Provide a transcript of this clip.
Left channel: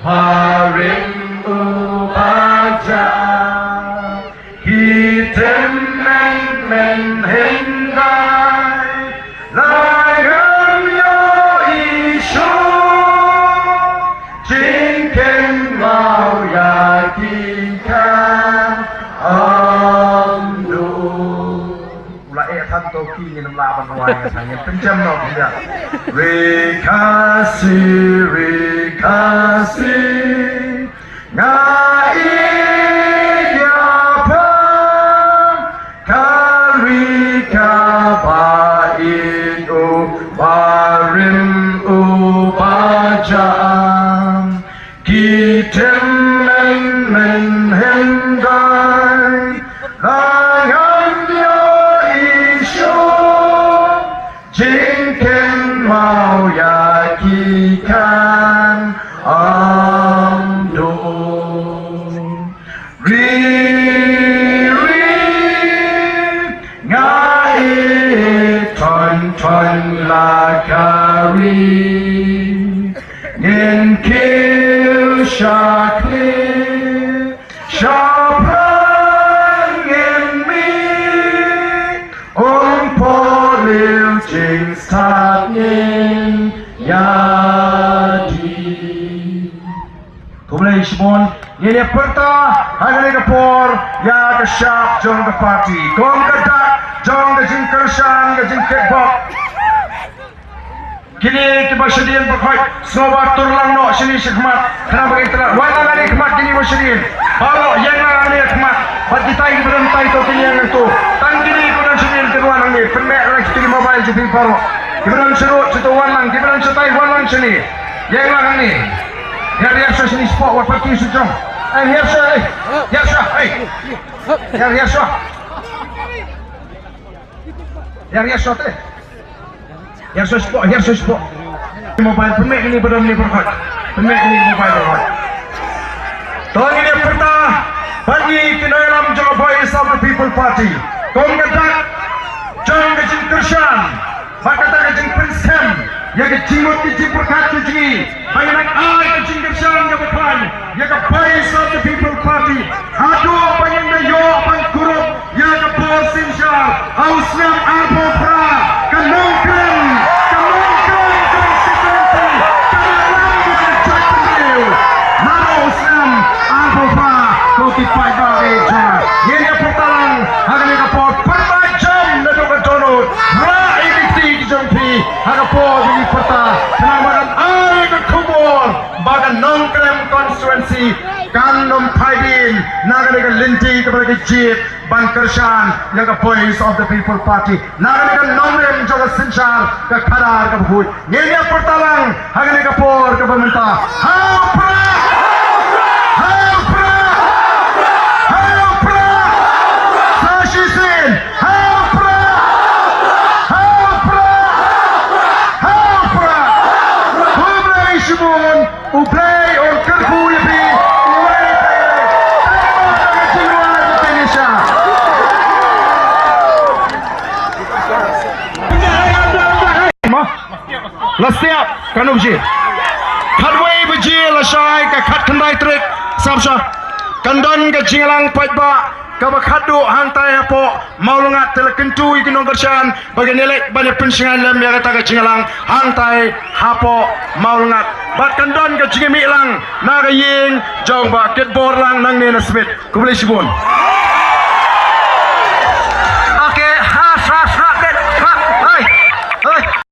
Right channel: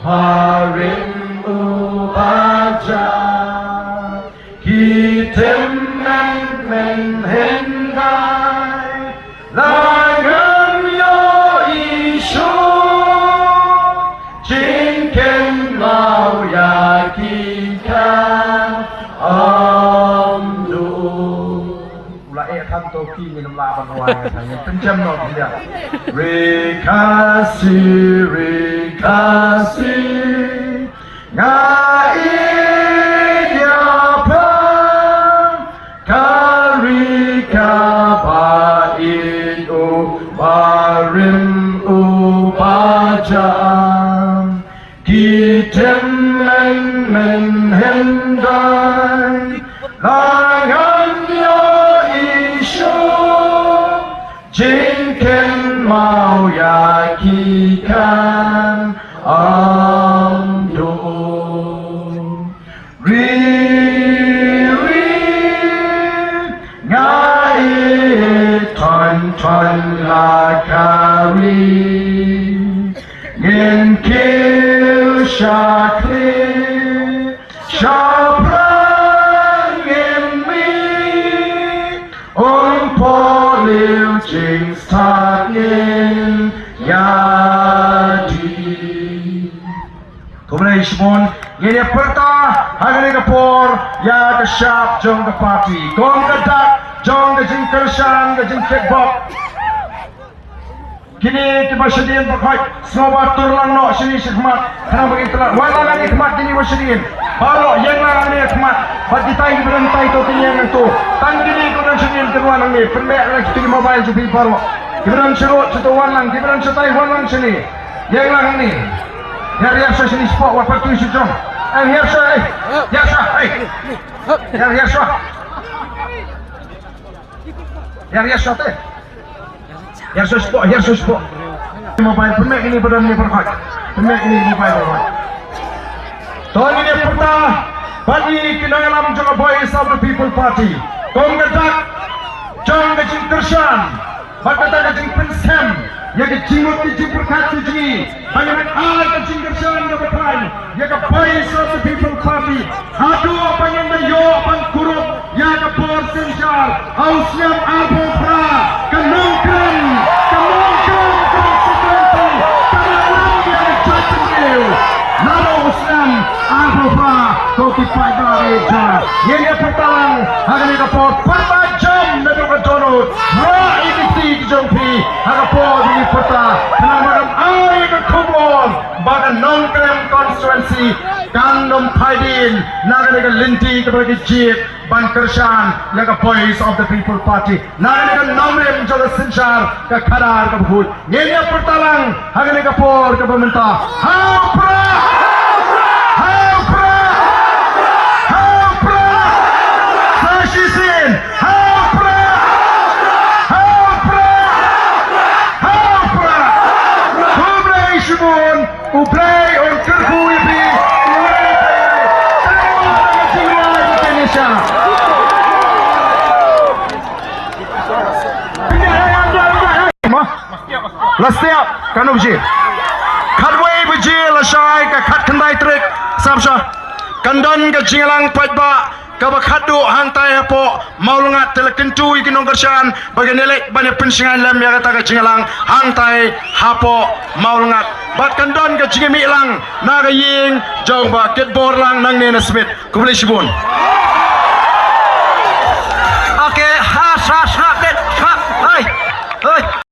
Harim ubaja Hitem men hendai Layan yo isu Jinken mau yakinkan Amdu Ulaท่านโตกี้นี่น้ำลาบันวายทางนี้เป็นจำนวนเดียวRekasi Ngaidyapa Karika Baidu Barim Ubajam Kitem men hendai Layan yo isu Jinken mau yakikan Amdo Riri Ngai Ton lakari Yen kil shakir Shapran yen mi Polil jing statin Yadi Kumulay Simon, Yene Perta, Hagani Kapor, Yada Shap, John the Party, Gong the Duck, John the Jing Kershan, the Jing Kickbop. Kini kita bersedih berkhidmat, semua tulang nak sini khidmat. Kenapa kita? Wala lagi khidmat kini bersedih. Kalau yang lagi khidmat, bagi kita ini berhenti itu kini itu. Tangkini kita sedih kedua nanti. Pemek lagi kini mobile jadi baru. Kita serut setuan lang, kita setai bulan sini. Yang lagi. Yang dia sini sport, apa tu situ? Yang sah, yang sah, yang sah. Yang sah tu. Yang sesuatu. Mobile pemek ini belum ni berhad. Pemek ini mobile berhad. Tahun ini pertama bagi kita dalam Jawa Voice of the People Party. Kau kejar, jangan kecil kersan. Bakal kecil pensem. Yang kecil kecil berkat kecil. Bagi nak alai kecil kersan Jawa Voice. Yang Voice of the People Party. Aduh bagi yo abang kurup. Yang porsin jar. Auslam arbo pra. Kenongkan. Yang pertama, hari kapor permajam dan berjorot. Ini jompi, hari kapor ini putra. Kenapa hari kapor pada nongkrong konstituensi Kandom Paidin, Nagaraga Linti kepada Jit, Bankershan, yang Voice of the People Party. Nagaraga Nomlem juga sensar ke Kadar ke Bukut. Yang pertama, hari kapor ke pemerintah. Upay on Kerpuipi, Lasiap kanu biji, kadway biji lasai ke kat kendai trik, sabsa, kandan ke jingalang paitba, kabakadu hantai apa, maulungat telekentu ikinong kersan, bagi nelek banyak pensingan lem yang kata ke jingalang hantai hapo maulungat. Bahkan don ke jingmi lang, nagaying jong ba ketbor lang nang nena Smith. Kumulay sibon.